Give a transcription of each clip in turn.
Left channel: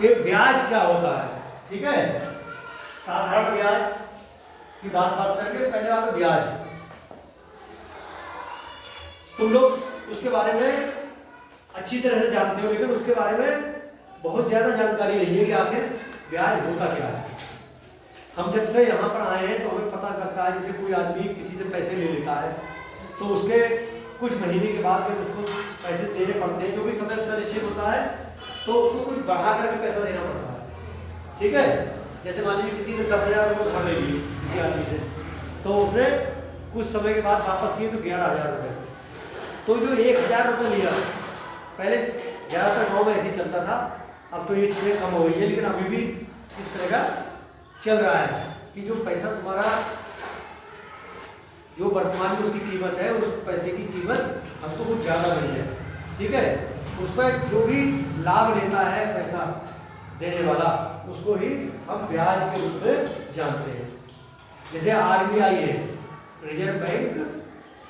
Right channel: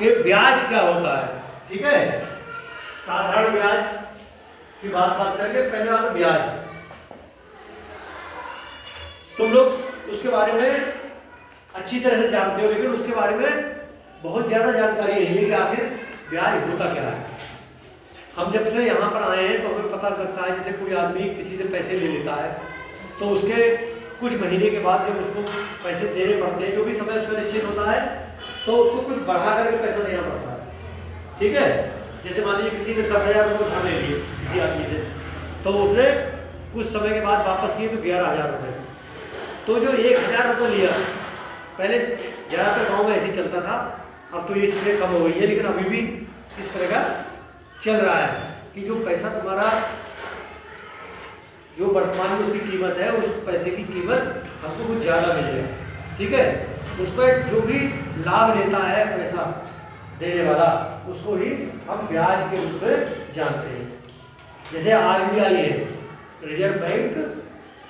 कि ब्याज क्या होता है। ठीक है, साधारण ब्याज की बात करेंगे। पहले वाला ब्याज, तुम लोग उसके बारे में अच्छी तरह से जानते हो, लेकिन उसके बारे में बहुत ज्यादा जानकारी नहीं है कि आखिर ब्याज होता क्या है। हम जब से यहाँ पर आए हैं तो हमें पता लगता है, जैसे कोई आदमी किसी से पैसे ले लेता है तो उसके कुछ महीने के बाद जब उसको पैसे देने पड़ते हैं, जो भी समय उसका निश्चित होता है, तो उसको कुछ बढ़ा करके पैसा देना पड़ता है। ठीक है, जैसे मान लीजिए किसी ने 10,000 रुपये उधार ले लिए किसी आदमी से, तो उसने कुछ समय के बाद वापस किए तो 11,000 रुपये। तो जो 1,000 रुपये लिया, पहले ज़्यादातर गाँव में ऐसे ही चलता था, अब तो ये चीज़ें कम हो गई है, लेकिन अभी भी इस तरह का चल रहा है कि जो पैसा तुम्हारा जो वर्तमान में उसकी कीमत है, उस पैसे की कीमत हमको कुछ ज़्यादा मिल गया। ठीक है, उस पर जो भी लाभ लेता है पैसा देने वाला, उसको ही हम ब्याज के रूप में जानते हैं। जैसे RBI है, रिजर्व बैंक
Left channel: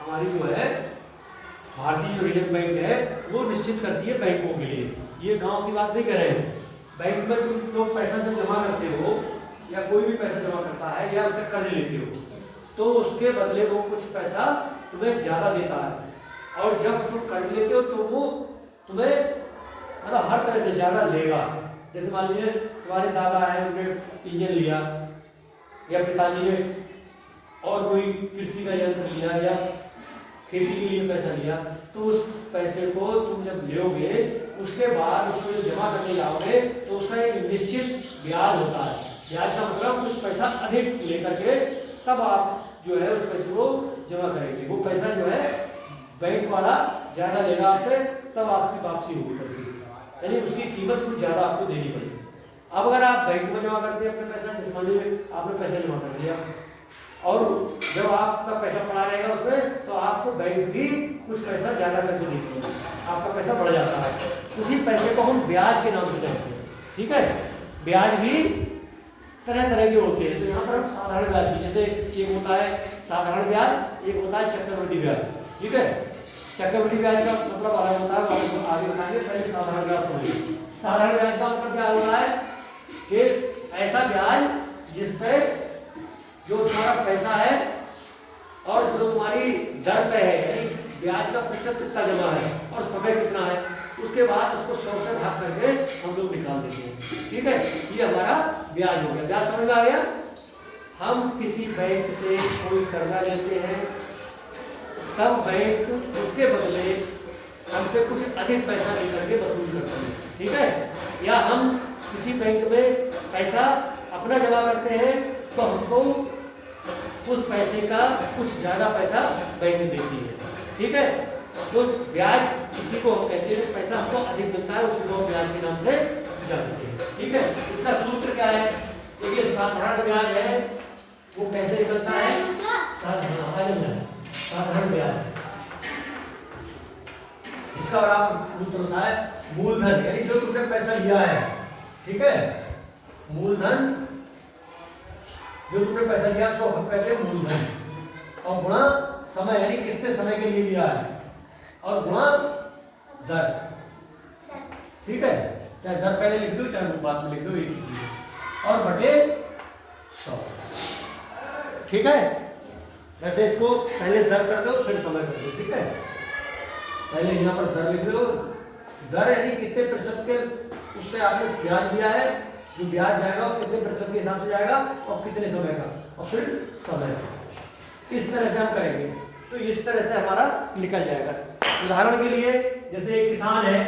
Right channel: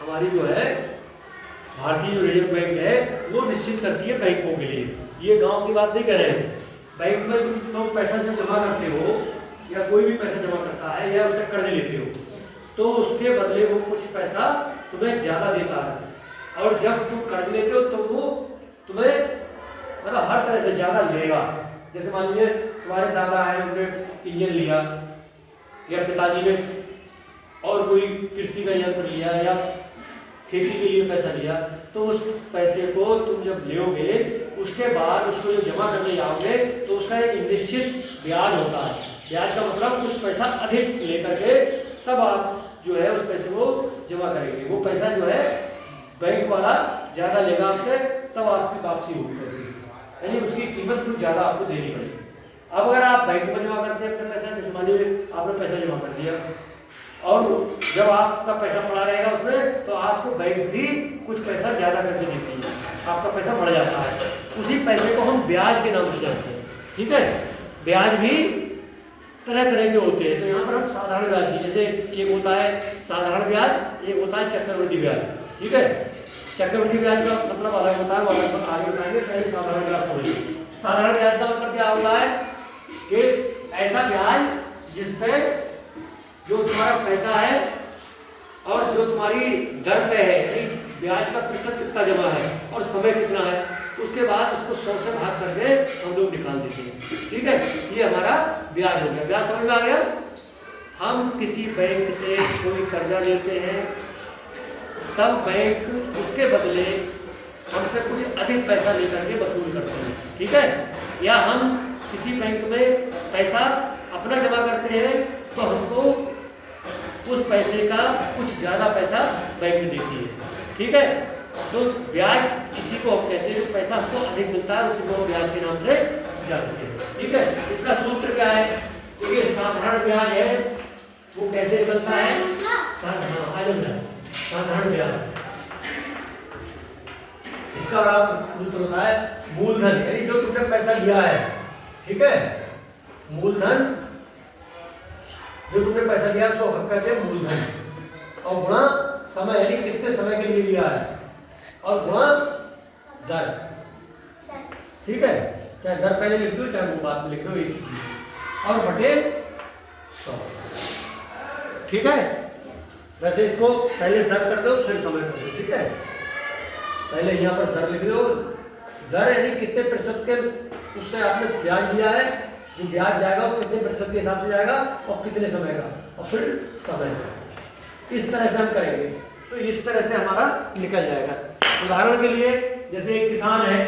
हमारी जो है भारतीय जो रिजर्व बैंक है, वो निश्चित करती है बैंकों के लिए। ये गांव की बात नहीं कर रहे हैं। बैंक में तुम लोग पैसा जब जमा करते हो या कोई भी पैसा जमा करता है या उससे कर्ज लेते हो, तो उसके बदले वो कुछ पैसा तुम्हें ज़्यादा देता है। और जब तुम कर्ज लेते हो तो वो तुम्हें मतलब हर तरह से ज़्यादा लेगा। जैसे मान लीजिए तुम्हारे दादा हैं, उन्होंने इंजन लिया, या पिताजी ने और कोई कृषि का यंत्र लिया या खेती के लिए पैसा लिया, तो उस पैसे को तुम जब लोगे उसके बाद उसको जब जमा करने जाओगे तो उसका एक निश्चित ब्याज होता है। ब्याज का मतलब कुछ पैसा अधिक लेकर के तब आप जो है उस पैसे को जमा करेंगे। वो पैसा जो है बैंक वाला ज़्यादा लेगा आपसे, तब आपकी वापसी होगी पैसे, यानी उसकी कीमत कुछ ज़्यादा आपको देनी पड़ेगी। अब अगर आप बैंक में जमा करते हैं अपने पैसा, जैसे मान लीजिए आपने पैसा जमा कर दिया और जब आपका पैसा पड़ा रहेगा उसमें, तो आपको बैंक भी कुछ पैसा ज़्यादा करके देती है, आपका पैसा बढ़ जाता है। उसी पैसे को हम ब्याज के नाम से जानते हैं। ठीक है, ब्याज भी तरह तरह के होते हैं। तो यहाँ पर हम साधारण ब्याज की, जैसे एक होता है साधारण ब्याज, एक होता है चक्रवृद्धि ब्याज। ठीक है, चक्रवृद्धि ब्याज का मतलब अलग होता है, वो हम आगे बताएंगे। पहले साधारण ब्याज समझिए। साधारण ब्याज का मतलब क्या होता है कि ऐसा ब्याज जिस पे जो तुम्हारा पैसा है और जो तुम्हारी दर पे है, यानी ब्याज का प्रतिशत कितना जमा है और समय कितना है, उसके बाद उसको 100 से भाग करके हम लोग निकाल देते हैं। ठीक है, ये हमारा ब्याज हो गया। ब्याज समझ में आ गया। हम किसी बैंक से कोई कर्जा लेते हैं, तब बैंक उसके बदले हमसे कुछ अधिक पैसा लेकर के वसूल करते हैं। ठीक है, या हम किसी बैंक में पैसा अपना जमा करते हैं तो हमको उस पैसे का कुछ ज़्यादा पैसा बैंक देती है। ठीक है, तो ब्याज किसी को हम कहते हैं, पैसा हमको अधिक मिलता है, उसी को हम ब्याज के नाम से जानते हैं। ठीक है, इसका सूत्र क्या है? देखिए, साधारण ब्याज है वो कैसे निकलता है? साधारण ब्याज, इसका आप सूत्र होता है मूलधन, यानी जो तुमने पैसा लिया है। ठीक है, मूलधन जो तुमने पैसा लिया उसको हम कहते हैं मूलधन, और गुणा समय, यानी कितने समय के लिए लिया है, और गुणा दर। ठीक है, चाहे दर पहले लिख दो चाहे बाद में लिख दो, एक ही चीज, और बटे 100। ठीक है, वैसे इसको पहले दर कर दो फिर समय कर दो। ठीक है, पहले यहाँ पर दर लिख दो। दर यानी कितने प्रतिशत के उससे आपने ब्याज लिया है, जो ब्याज जाएगा वो कितने प्रतिशत के हिसाब से जाएगा और कितने समय का, और फिर समय का। इस तरह से हम करेंगे तो इस तरह से हमारा निकल जाएगा। उदाहरण के लिए, जैसे एक किसान है,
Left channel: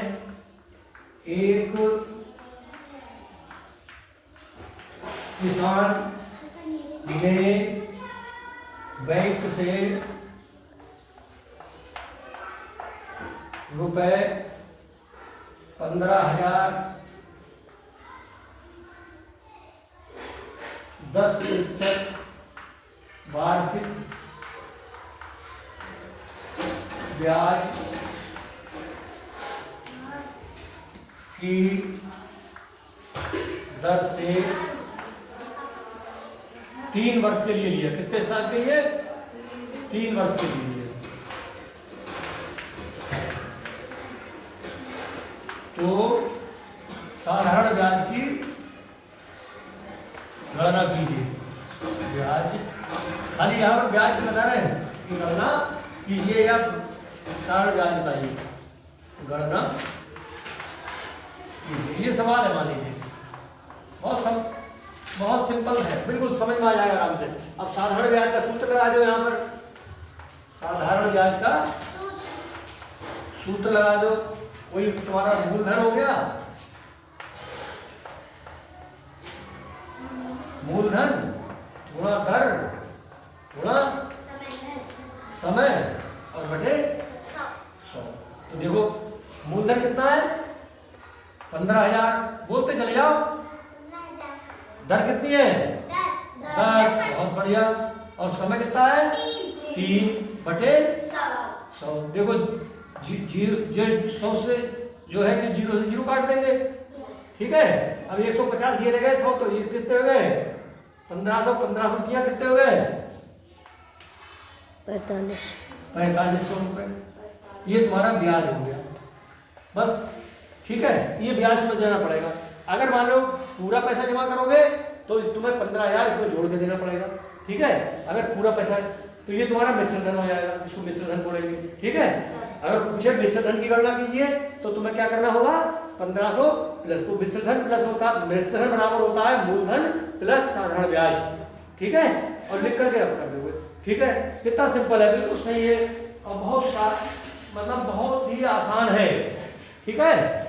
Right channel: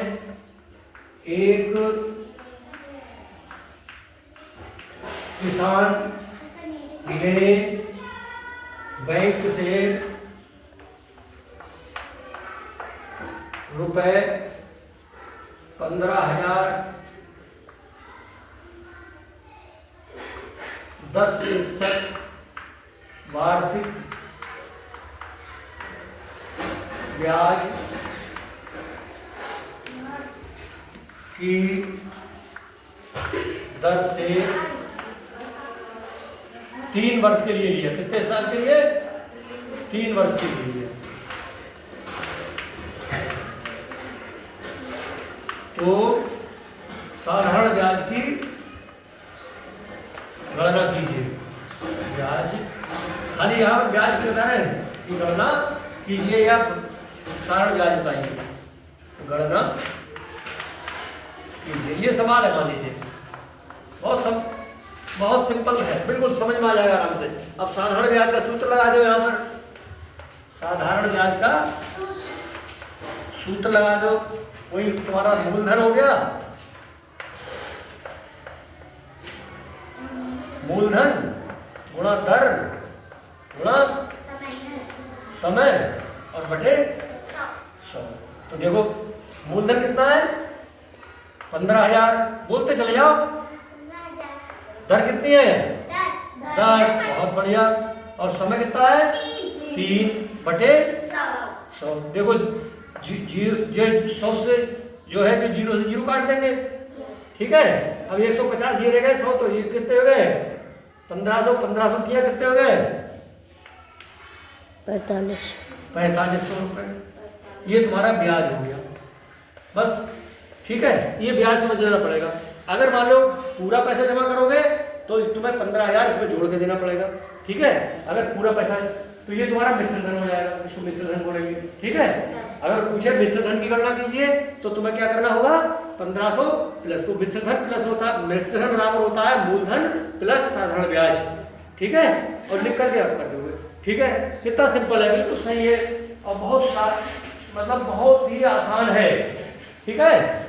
एक किसान ने बैंक से रुपए 15,000 10% वार्षिक ब्याज की दर से 3 वर्ष के लिए लिया। कितने साल के लिए? 3 वर्ष के लिए। तो साधारण ब्याज की गणना कीजिए। ब्याज खाली यहाँ पर ब्याज की बता रहे हैं कि गणना कीजिए या साधारण ब्याज बताइए, गणना कीजिए। ये सवाल है, मान लीजिए बहुत सिंपल है, बिल्कुल समझ में आ जाएगा आराम से। अब साधारण ब्याज का सूत्र लगा दो, यहाँ पर साधारण ब्याज का सूत्र लगा दो। वही तुम्हारा मूलधन हो गया, मूलधन गुणा दर गुणा समय और बटे 100। तो देखो मूलधन कितना है 15,000, बोलते चले जाओ। दर कितनी है 10, बहुत बढ़िया। और समय कितना है 3 बटे 100। देखो 100 से जो है कि 0 से 0 काट देंगे, ठीक है। अब 150 ये रह गए, 100 तो ये कितने हो गए 1500 किया कितने हो गए 4500 रुपए। ये तुम्हारा ब्याज हो गया बस, ठीक है। ये ब्याज तुम्हें देना पड़ेगा। अगर मान लो पूरा पैसा जमा करोगे तो तुम्हें 15,000 इसमें जोड़ के देना पड़ेगा, ठीक है। अगर पूरा पैसा है तो ये तुम्हारा मिश्र धन हो जाएगा, इसको मिश्र धन बोलेंगे, ठीक है। अगर पूछे मिश्र धन की गणना कीजिए तो तुम्हें क्या करना होगा 1500 प्लस, तो मिश्र धन प्लस होता है, मिश्र धन बराबर होता है मूलधन प्लस साधारण ब्याज, ठीक है। और लिख करके आप कर दोगे, ठीक है। कितना सिंपल है, बिल्कुल सही है और बहुत मतलब बहुत ही आसान है, ठीक है।